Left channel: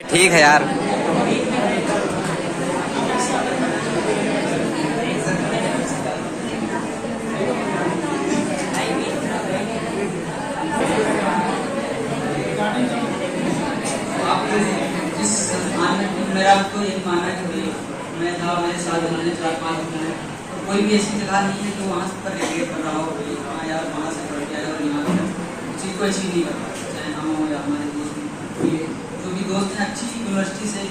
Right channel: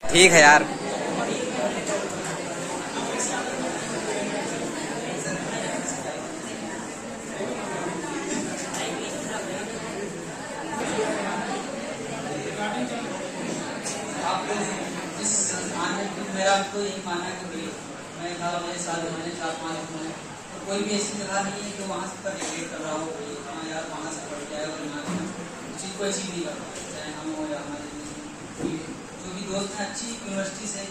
ठीक है यार। मेरा आपको यही मानना है कि मैं था मेरे साथ मैंने 4-5 हैं और कोई भी ऐसी जगह नहीं है जो वहाँ पर रिलेट कर रहा हो भाई हाँ यार वहाँ से पढ़ के आया और यहाँ पर चीज़ को अचीव नहीं कर पाता, चाहे हम हो या हमारे दोस्त जो भी दोस्त हैं अच्छी यूनिवर्सिटी से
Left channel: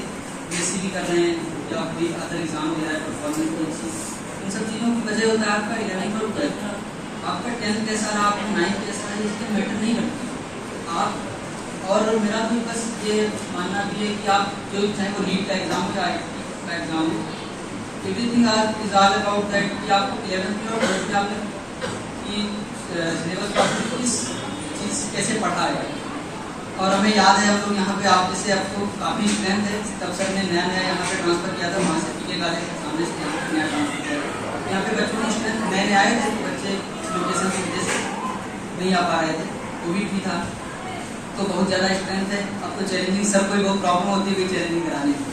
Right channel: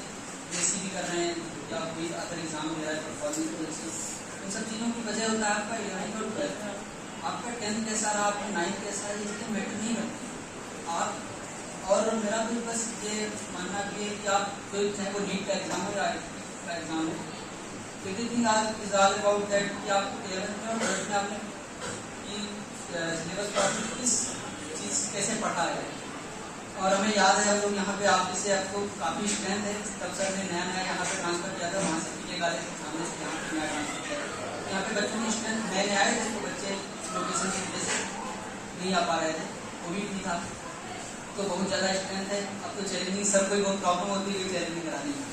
BSc भी कर रहे हैं या कोई अदर एग्जाम दे रहा है परफॉर्मेंस की अच्छी, इन सब चीज़ों की वजह होता है आपका 11th और 12th, आपका 10th कैसा रहा, आपका 9th कैसा है, इसके मैटर नहीं करती आप। और मेरा तो बस ये मानना भी है कि आप जो चाहे वो नीट का एग्जाम हो या IIT का एग्जाम हो, everything is all about that कि आपको 11th में और 12th में आपने कि सिलेबस पर किस चीज़ कैसे पढ़ा है। और हमें याद है हम लोग यहाँ पे आप जैसे आपको काफ़ी स्ट्रेंथ है, तब सर ने नया नया यहाँ पे ट्रांसफ़र किया था, वहाँ से PK कॉलेज के सामने से यहाँ पे नया ट्रांसफ़र किया था। यहाँ पे बच्चों की स्ट्रेंथ नए नए आए थे तो बच्चे लोकेशन की वजह से नहीं आ पा रहे थे, कोविड भी था तो बहुत ज़्यादा स्ट्रेंथ है। अब तो चैलेंजिंग सब कोई बहुत प्रॉब्लम होती है चैलेंजिंग कराने में,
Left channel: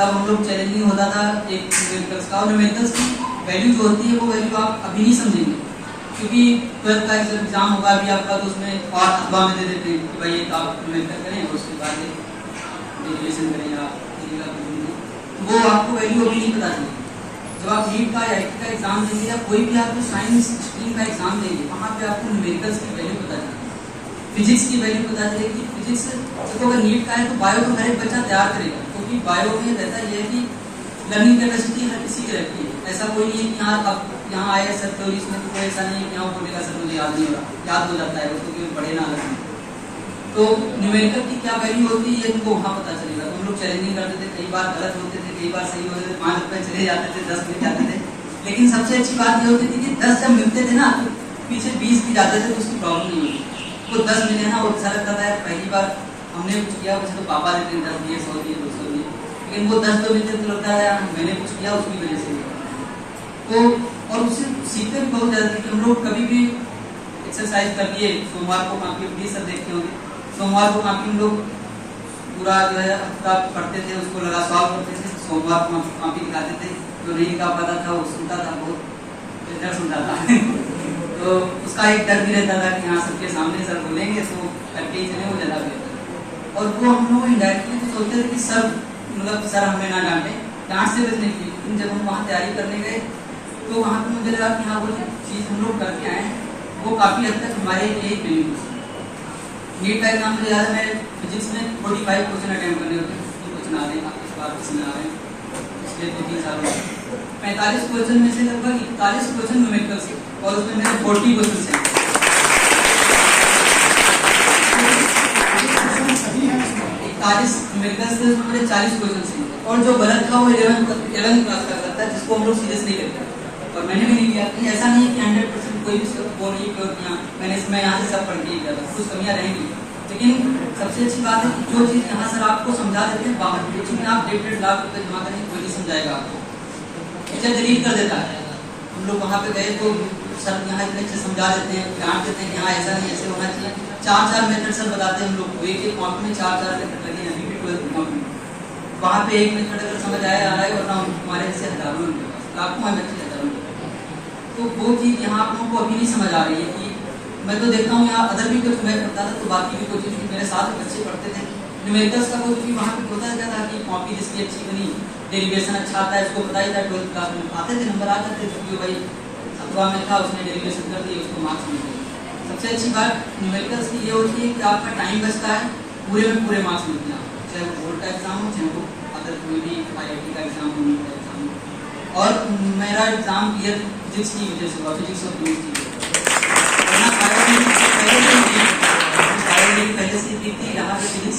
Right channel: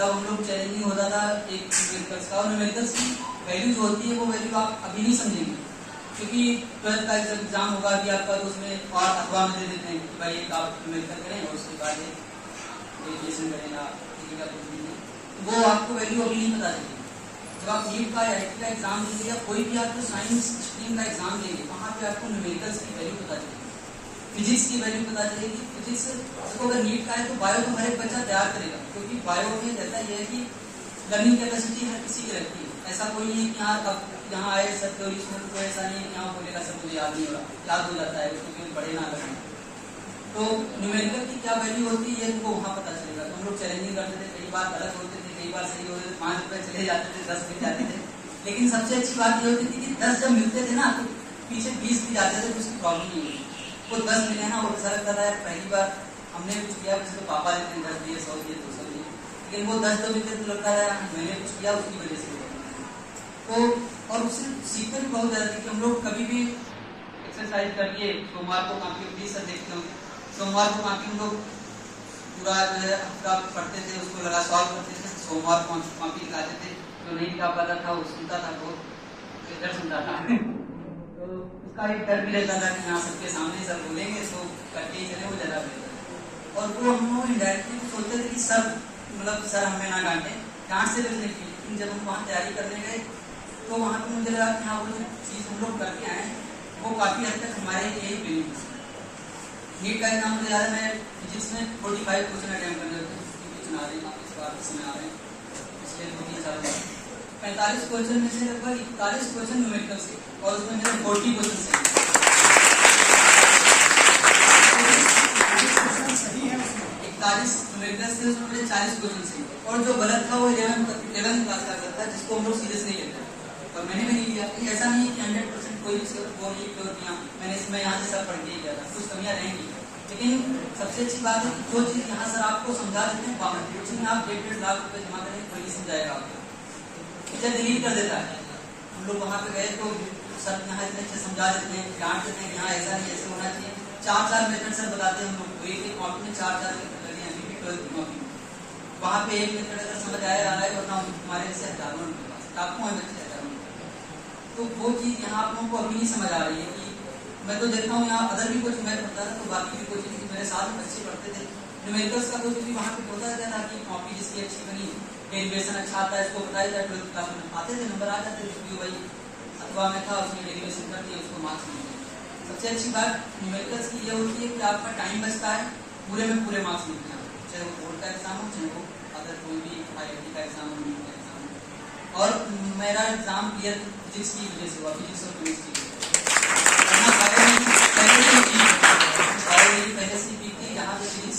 तब हम लोग चैलेंजिंग होता था एक न्यूमेरिकल्स का, और न्यूमेरिकल्स की वैल्यू जो होती है वो वैल्यू आप अभी नहीं समझेंगे क्योंकि 12th का एग्जाम होगा अभी आपका तो उसमें और अथवा में दे देते हैं कि भाई एक आप न्यूमेरिकल करें और उसके बाद ग्रेजुएशन करें या वो आपको वैल्यू अभी नहीं पता चलेगी। जब आप नीट का या IIT का एग्जाम देंगे या कोई भी आप साइंस स्ट्रीम का एग्जाम देंगे वहाँ पे आपको न्यूमेरिकल्स की वैल्यू पता चलेगी, फिजिक्स की वैल्यू पता चलेगी। फिजिक्स तो अगर नीट का है तो बायो तो हर एक बच्चा तैयार करेगा क्योंकि बायो में रहता यह है कि लर्निंग कैपेसिटी हर किसी की रहती है, ऐसा कोई नहीं है कि हाँ अब यहाँ आए सर तो इसमें तो ऐसा नहीं है कि यहाँ बोलेगा सर मुझे याद नहीं होगा, याद हो जाता है उसको क्योंकि पढ़े ना लगे। तो न्यूमेरिकल की क्या वैल्यू होती है तुमको वहाँ पता चलेगा। तो हम लोग चैलेंजिंग करते थे, कई बार गलत होते थे, कई बार सही होते थे, 5 रुपये चले जाते थे, 10 मिल जाते थे, लेकिन सबसे अच्छी बात ये होती थी कि 10 जब मिलते थे ना तो पीछे 20 भी जाते थे तो उसकी प्रॉब्लम नहीं होती। वो 10 मिले ना वो अच्छा लगता था यार, पहली बार हमने कुछ किया वैसे तो पापा देते हैं 10 दिए 100 दिए 200 दिए, लेकिन वो 10 तो मिलते तो लगता है यार मैंने कुछ किया उसकी वजह से। तो और उससे सीखते भी बहुत ज़्यादा थे कि हम लोग कभी भी एक्सरसाइज कर लिए, सोमवार को काफ़ी प्लीज सब देखते होंगे, सोमवार को काफ़ी हम लोग पूरा जो है हफ्ता पढ़ते थे, उसको लगा सॉल्व करते थे, सोमवार को काफ़ी दिखाते थे, जो नहीं दिखा पाता था वो सुनता था, बहुत डर सुनता था तो उसका एक डर भी रहता था कि हाँ सबके सामने सर बोलेंगे तो करके ही चले, वो ज़्यादा बेहतर। और वो हम लोग इंडायरेक्टली तो सोचते थे कि सर मतलब सर हमें ना डांटे, डांट से बचने के लिए, लेकिन जब हम वहाँ तैयारी करने गए तो वहाँ पर मुझे लगा कि हाँ वो चीज़ हम लोग करके आए वो काफ़ी हद तक हमारे लिए ही बेनिफिट। नीट का एग्जाम मुझे याद है, मैं फिजिक्स में 45 क्वेश्चन अटेम्प्ट करने होते हैं, 50 क्वेश्चन आ रहे हैं इस बार किसी में आ रहे हैं, पिछले 2-3 साल में 45 क्वेश्चन में से लगभग 41 क्वेश्चन न्यूमेरिकल से और उसमें मेरे 40 क्वेश्चन से 41 न्यूमेरिकल से उसमें मुझे 40 क्वेश्चन से, और जो गलत था वो 11th क्लास का करता है जिसको हम लोग सीरियस नहीं लेते, और मैंने भी नहीं लिया। ऐसा नहीं है कि 100% कोई भी वो नहीं किया मैंने यहाँ से सब पढ़ के ही किया था, कुछ कमियाँ रहेंगी, लेकिन सबसे अच्छी बात है कि जो चीज़ यहाँ सर आपको समझा देते हैं बाहर कोचिंग में आप 1.5 लाख रुपये जमा करेंगे कोई नहीं समझाएगा आपको, टीचर डिलीट कर देता है। हम लोग वहाँ पे गए तो सर यहाँ इतने अच्छे समझा देते हैं, डांट देते हैं कि हाँ ऐसा नहीं ऐसे होना चाहिए, 4 मेथड सर बताते हैं हम लोग को, एक कॉपी में 4 मेथड लगे हैं, अभी भी 12th कॉपी वहाँ पे एक मेथड अगर समझ आया आ रहा है और ना हमारे ऐसे हजारों उनके पास लाखों में बच्चे हजारों, तो वो चीज़ यहाँ आप लोगों को अभी नहीं समझ आ रही है कि मैं तो देखता हूँ यहाँ अदर भी कुछ मैं पढ़ता था तो बाकी भी कोचिंग मेरे साथ बच्चे पढ़ते थे, न्यूमेरिकल्स का कोचिंग भी वहाँ पे होता क्या था कि कॉपी जिसकी अच्छी बनी, डेरिवेशन अच्छा आता है उसको पता ही था, 12th क्लास में आते थे नंबर आते थे, क्योंकि भाई अथवा में था उसने डेरिवेशन कर दिए उसको मार्क्स मिलते हैं। सबसे अच्छी बात न्यूमेरिकल्स की ये होती है कि आपका टाइम बचता है, पूरे में पूरे मार्क्स मिलते हैं, चाहे वो बोर्ड का एग्जाम हो चाहे वो अदर कोई भी IIT का एग्जाम हो, नीट का एग्जाम हो। और मेरा एग्जाम क्लियर फिजिक्स की वजह से हुआ, फिजिक्स और केमिस्ट्री पहले से भी थी, यहाँ पे फिजिक्स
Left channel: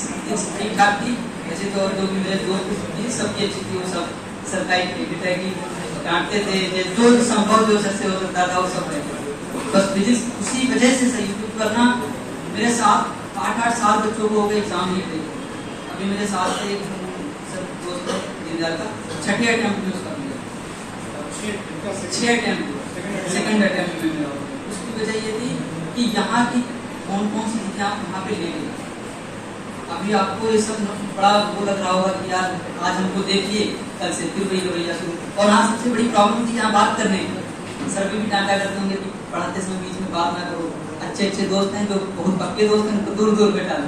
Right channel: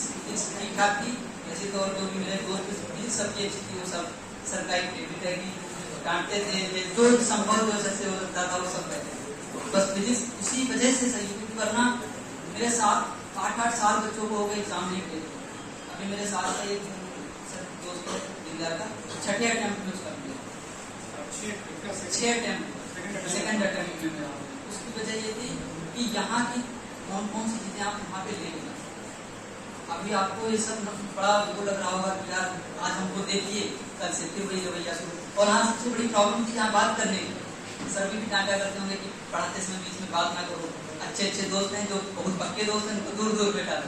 ठीक ठाक थी, ऐसे तो और जो भी मेरे दोस्त फिजिक्स सबकी अच्छी थी, वो सब सरकारी की डांटते थे, जो संभव जो सबसे हो सकता था वो सब रहता, बस फिजिक्स उसी वजह से सही करना। मेरे साथ 8-8 साल बच्चों को हो गए एग्जाम नहीं दे, अभी मेरे साथ से सब दोस्त का 6ठे अटेम्प्ट में उसका मिला, 6 अटेम्प्ट सेकंड अटेम्प्ट में मिला। उसकी वजह ये थी कि यहाँ की कौन सी चीज़ें आप वहाँ पे ले गए, अभी आपको ये सब बड़ा वो लग रहा होगा कि यार आज हमको देखिए, कल से फिर वही रवैया शुरू। और हाँ, सबसे बड़ी प्रॉब्लम थी यहाँ बात करने की। सर भी डांटा करते होंगे कि पढ़ाते समय बीच में बात ना करो। अच्छे अच्छे दोस्त हैं जो बहुत पक्के दोस्त हैं उनको दूर दूर बैठा लो,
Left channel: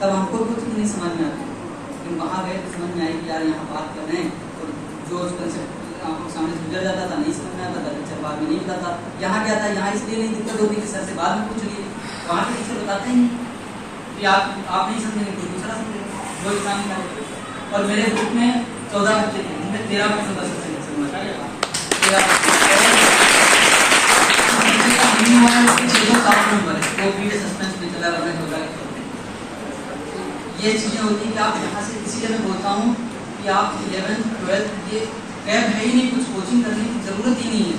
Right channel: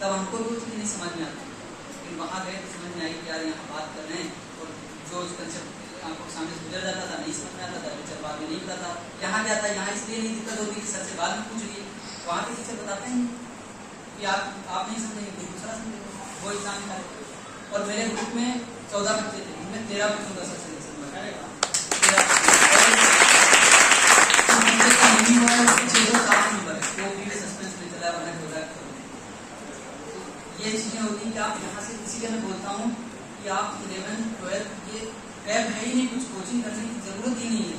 तब हमको कुछ नहीं समझ में आता। लेकिन वहाँ गए तो समझ में आई कि यार यहाँ बात कर रहे हैं, और जो कंसेप्ट आंखों के सामने गुजर जाता था, नहीं समझ में आता था, टीचर बाद में नहीं बताता। यहाँ क्या था, यहाँ इसलिए नहीं दिक्कत होती कि सर से बाद में पूछ लिए, वहाँ के टीचर बताते हैं कि आप नहीं समझेंगे, कोई दूसरा समझेगा, वो एग्जाम निकाले। और मेरे ग्रुप में 14 बच्चे थे, जिनमें 13 में 14 सबसे नंबर है, वो भी सस्पेंस में चला रहा है। ये चीजें होती हैं कि आप यहाँ से, इसीलिए मैं बोलता हूँ कि आप 11th 12th ये कैब है ही नहीं, कुछ कोचिंग करने की जरूरत ही नहीं है।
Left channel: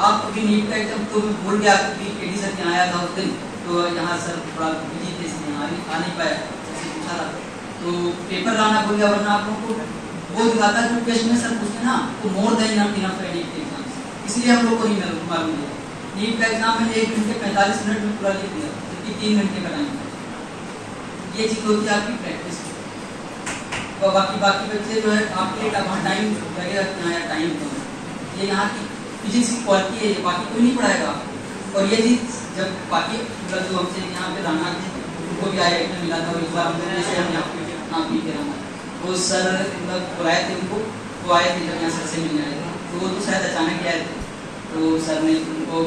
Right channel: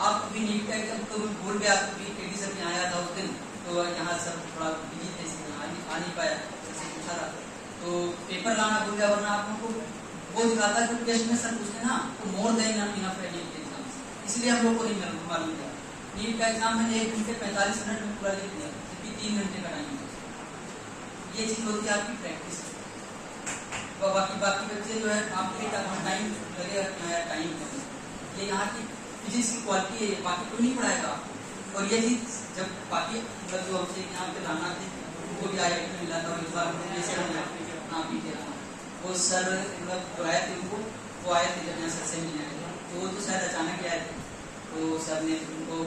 आप अभी नीट का एकदम तो भूल गया कि केडी सर यहाँ आया था उस दिन, तो यहाँ सर थोड़ा बिजी थे इसलिए आ नहीं पाया, जैसे पूछा था तो पेपर लाना भूल गया, वरना आप लोगों को वो दिखाता जो टेस्ट में सर पूछते ना वो मोर देन इनफ है नीट के एग्जाम, इसलिए हम लोग को नहीं मालूम दिया। नीट का एग्जाम मैंने 1 घंटे 45 मिनट में पूरा लिख दिया, जबकि 3 घंटे का टाइम था। ये चीज होती है आपकी प्रैक्टिस। तो बाकी बच्चे जो है आपके वहाँ टाइम लगेगा कि हाँ यार टाइम कम, ये यहाँ की फिजिक्स की क्वालिटी है, ये बाकी कोई नहीं पढ़ाएगा आपको। और ये चीज जब बाकी मतलब जो हमसे यहाँ पे रहना उनको भी आया मिला था, इस बार हमने जैसे हम यहाँ पी के रहना, वो सर मतलब बुलाए थे उनको, वो आए थे जब यहाँ सर से मिलने आए थे, तो वो तो शायद अचानक आए थे, तो सर ने उनको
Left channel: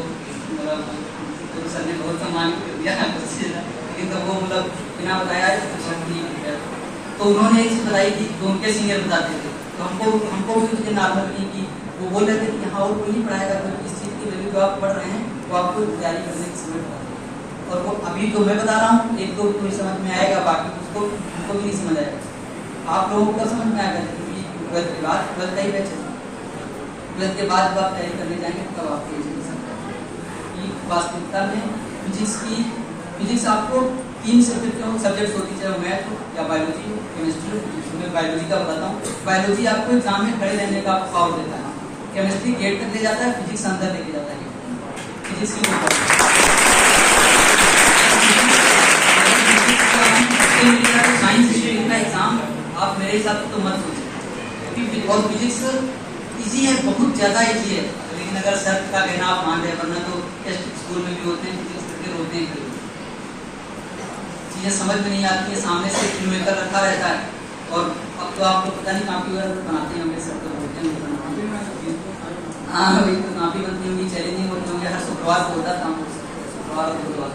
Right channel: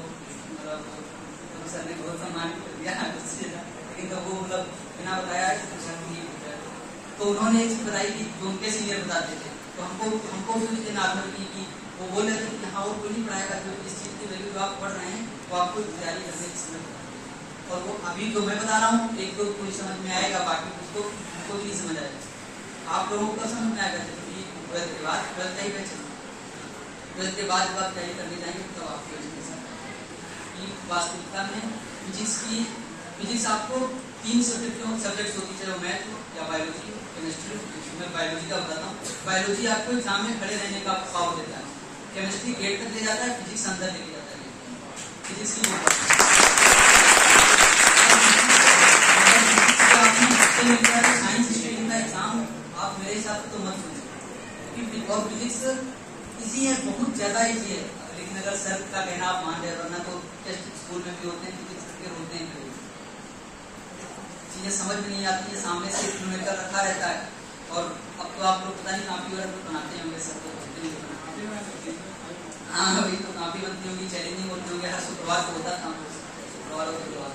मतलब तो सर ने बहुत सम्मान दिया, लेकिन तब वो मतलब बिना बताया तो उन्होंने एक चीज बताई थी जो उनके सीनियर बताते थे, तो हमको भी उसके नॉर्मल थी कि वो बोल रहे थे कि हाँ और कोई नहीं पढ़ाएगा, तो इस चीज़ की वैल्यू जो आप पढ़ रहे हैं वो आपको तैयारी करने की समझ बताते हैं। और वो अभी तो मैं बता रहा हूँ, एक दो कोई समझ में आएगा, बाकी उसको भी नहीं समझ आएगा। आप लोगों को समझ में आएगा क्योंकि 12th के बाद 12th का ही बैच है, 12th के बाद जब आप तैयारी करने जाएंगे तब आपको ये चीज़ समझ वास्तविकता में फिजिक्स आपको 3 सब्जेक्ट होती है, मैथ या बायोलॉजी केमिस्ट्री। मैं बायोलॉजी का बताता हूँ। बायोलॉजी आपको एग्जाम में खड़े रहने का पावर देता है, केमिस्ट्री गेट तक ले जाता है, फिजिक्स अंदर लेके जाता है। फिजिक्स की साइंस स्ट्रीम का एग्जाम आप मेरे हिसाब से तो मत सोचिए, और फिजिक्स इजी है, बहुत ज्यादा इजी है, लेकिन अगर सर का कहना आप मान रहे, वरना तो टेस्ट स्कूल में भी होते हैं, फिजिक्स के होते हैं, चीजें समझ में नहीं आती है, सामने से फिल्मेकर रखा रहता है। और अब तो आपको पता नहीं काफी बार बनाते होंगे, सब तो होते हैं, हाँ वही तो काफी बनती होंगी, चैलेंजिंग होती होंगे, हर शुक्रवार को होता था, शुक्रवार और बुधवार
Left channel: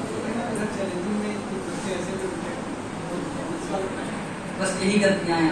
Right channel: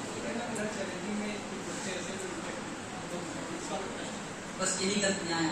बस यही गलतियां हैं।